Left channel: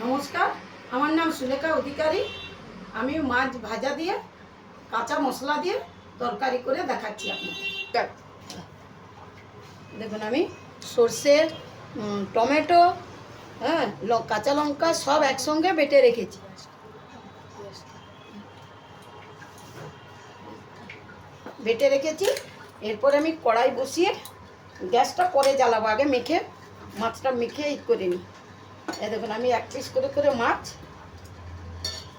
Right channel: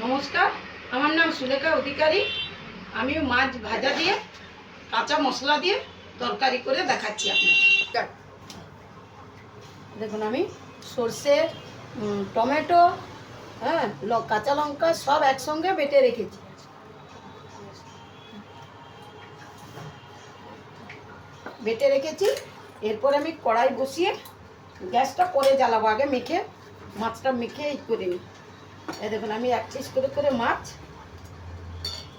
নমস্কার, আমার নাম সুলেখা অধিকারী। আমি মাছ ভাজা দিয়ে, কাঁচা মশলা দিয়ে তরকারি করে দেখাচ্ছি আপনাকে দেখুন আমি সর্ষে টমেটো হ্যাঁ কাঁচা লঙ্কা সব একসঙ্গে বেটে রেখেছি। বেটে রেখেছি। এরপর আমি কড়াই বসিয়ে গ্যাসটা করে জ্বালাবো। আগে মেখে, মাছটা মেখে করে নিই। দেখুন, আমি এক পিস করে করে মাছ,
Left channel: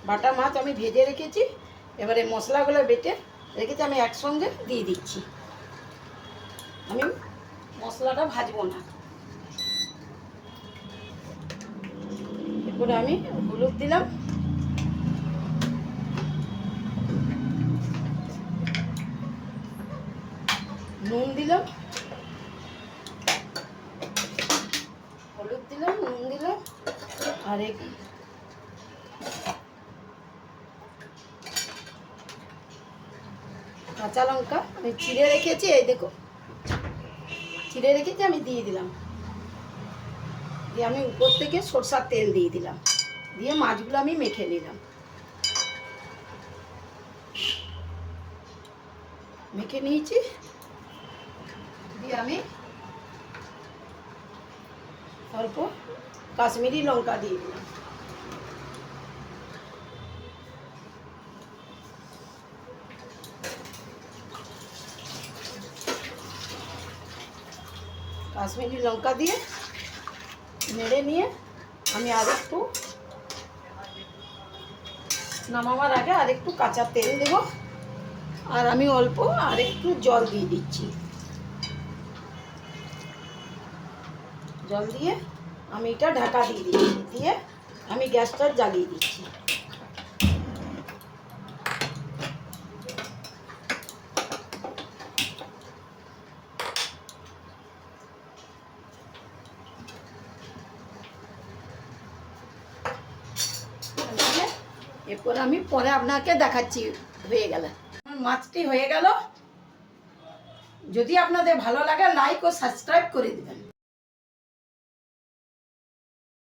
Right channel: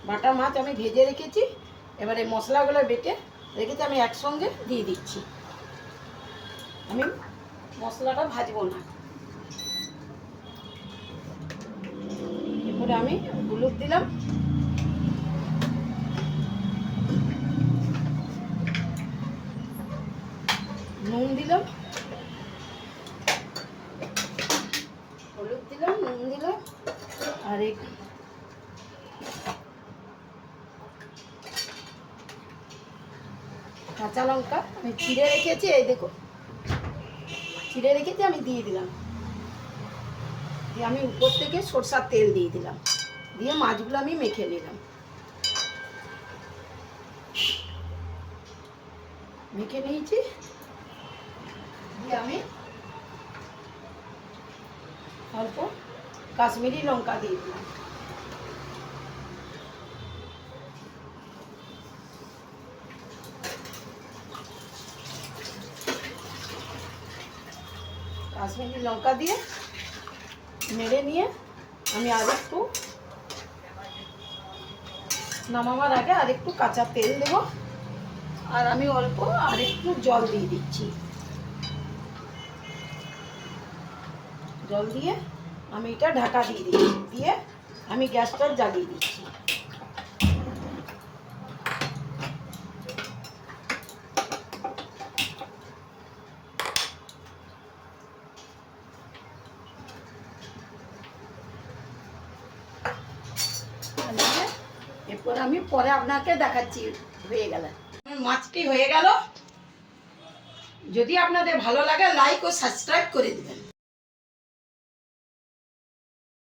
বাটা মাছ আমি ভেজে রেখেছি। এবারে মশলাগুলো বেটে রেখেছি, আমি একসঙ্গে দিয়ে দিচ্ছি। আমি মশলাটা ভাজবো না। এরপরে আমি হলুদ দিলাম। নুন দিলাম হলুদ দিলাম নুন দিলাম এক কাঁচা লঙ্কা আমি চিড়ে রেখেছি, এই দেখো। চিড়ে রেখেছি, আমি দিয়ে দিলাম। দিয়ে আমি উপর থেকে সরষার তেল দিয়ে দিলাম। দিয়ে মাছগুলো আমি মেখে নিলাম। মেখে নিয়েছি। দিয়ে আমি অল্প কাশ্মীরি লঙ্কা দিয়ে। দিলাম কাশ্মীরি লঙ্কা দিয়ে নেড়ে নিয়ে আমি আর একটু নামাবার আগে আর একটু কাঁচা তেল দেবো। আর আমি অল্প আর একটু জল দিয়ে দিচ্ছি। জল দিয়ে আমি এটা ঢাকা দিয়ে দিচ্ছি, দিয়ে আমি গ্যাসটা জ্বালিয়ে দিচ্ছি। এরপরে আমি পরে আপনাকে দেখাচ্ছি, হয়ে গেলে। মাছটি হয়ে গেল। যদি আপনাদের ভালো লাগে লাইক ও সাবস্ক্রাইব করে দেবেন।